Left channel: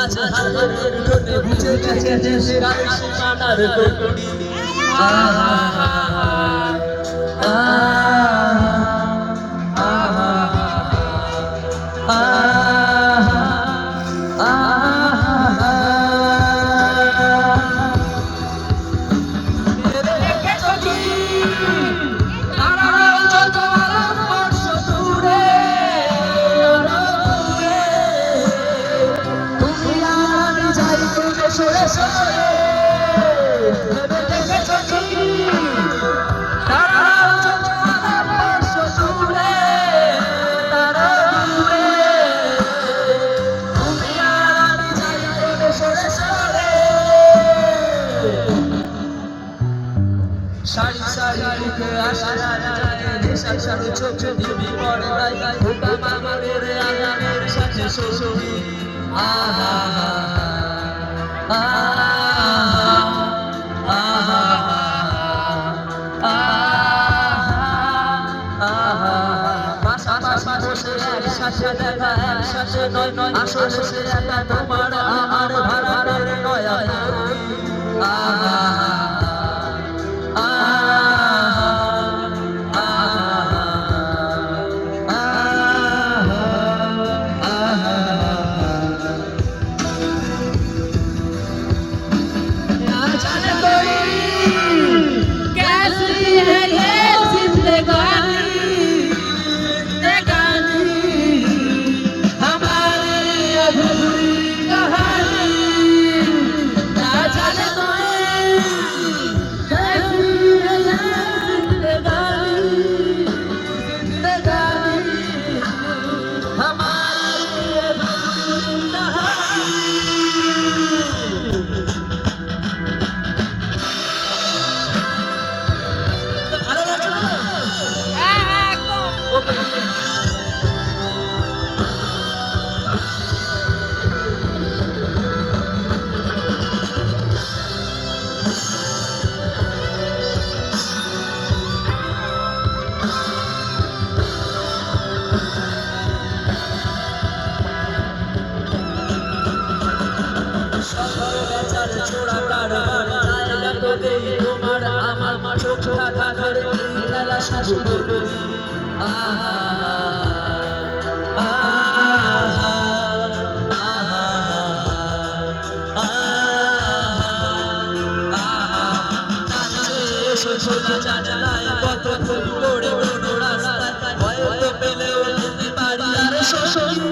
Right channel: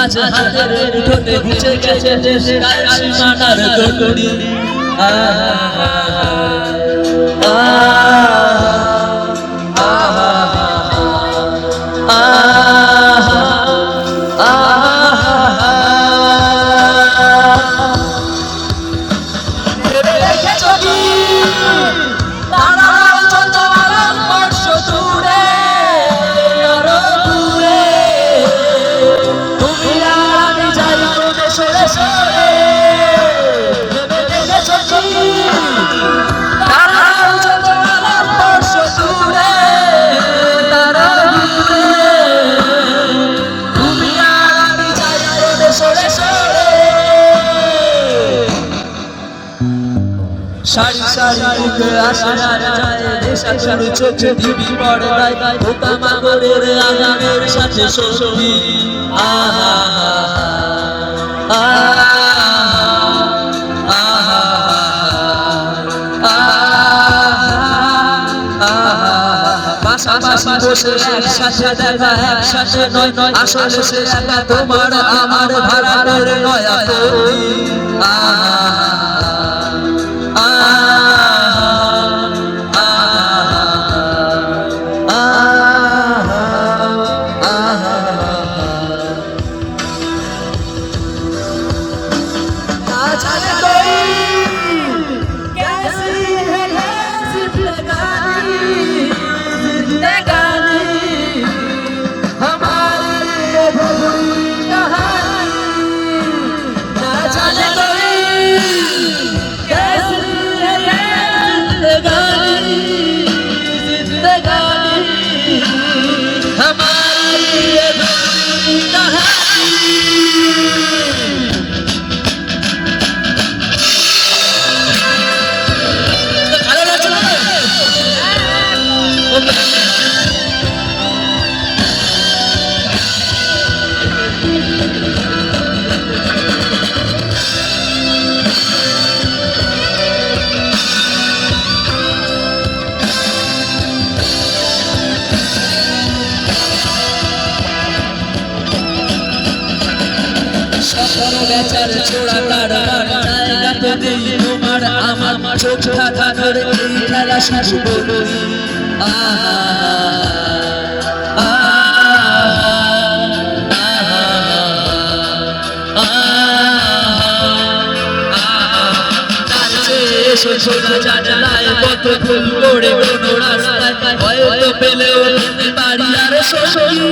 আজ হাজারের ঠোঁটে বুঝে গেছে দেশের সীমানার গড়ি সারি সারি মুখে আসে আর যায় দেশার শুরু চোখে দিবি পর্দায় পোকা মাগরের আগামের সাথে সঙ্গী আহা পাশাপাশি বসে একসাথে দেখা একসাথে নয় নয় আসলে সে একা তোমার আমার ভাড়াটের নয়া তোমার আমার চোখ থাকা ধরে এই খেলা শুরু করি জানালায় কত ফুল পড়ে কোনো রাস্তায় হয়তো পেলেও বাড়ি আর সঙ্গী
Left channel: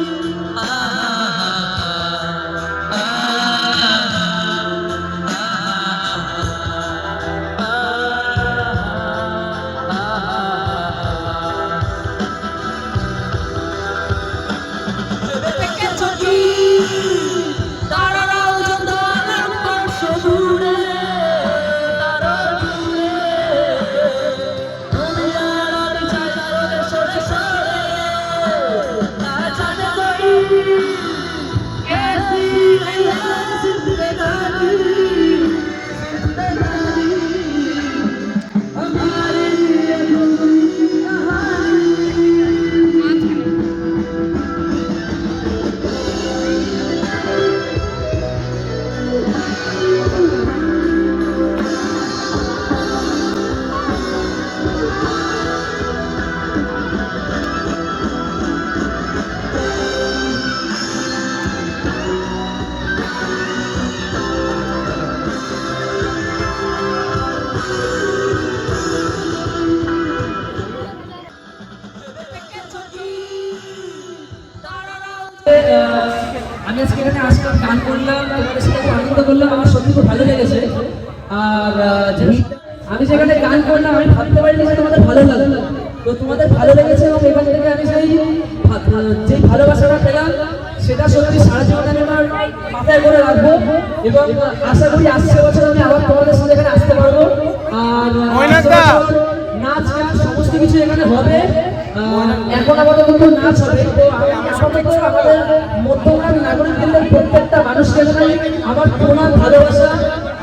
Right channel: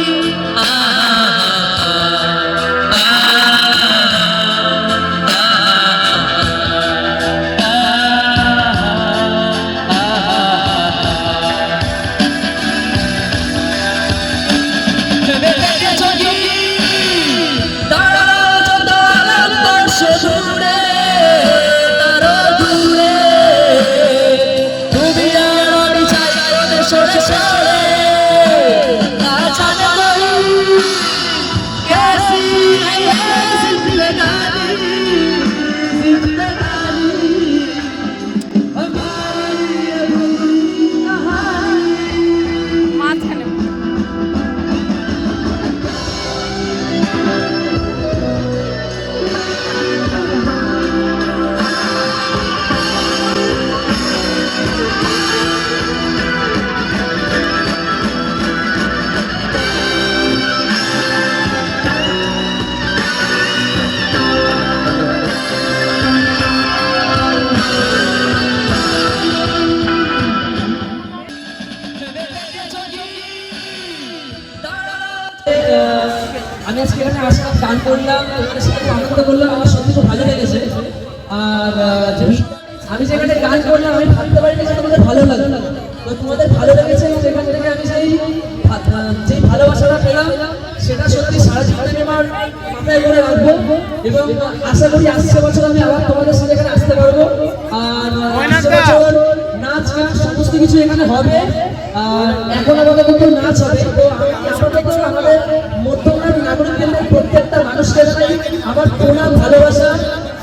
আমি আজকে এখানে আসলাম, গান করলাম, তোমাদের সাথে খুব আনন্দ করলাম, আমার সত্যি খুব ভালো লেগেছে। আর আমি যেখানে গান করলাম আমি ভাবতে পারিনি যে তোমাদের ভালো লাগবে, তো তোমাদের ভালো লেগেছে এবং এখান থেকে আমি যেই ভালোবাসাটা পেলাম সেটা সত্যি সারা জীবন আমি আমার মাথায় করে রাখবো এবং আশা করি আসছে বছর আমি আবার তোমাদের সাথে এখানে আসতে পারবো। আর আসছে বছর নাচ গান সমস্ত কিছু এখানে হবে। এখন আমাদের কিন্তু নাচ হবে, তো আমি আশা করবো আমাদের মধ্যমগ্রাম নাগরিক কেন্দ্রের প্রত্যেকটা মানুষকে জানাই আমার প্রণাম ভালোবাসা।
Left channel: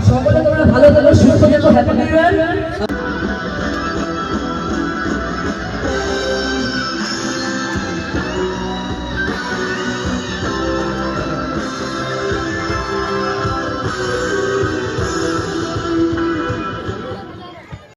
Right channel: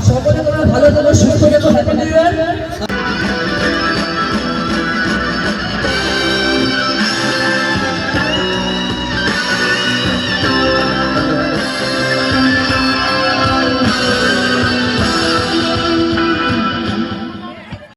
সকলে তোমরা ভালো থেকো, সুস্থ থেকো, হ্যাপি নিউ ইয়ার।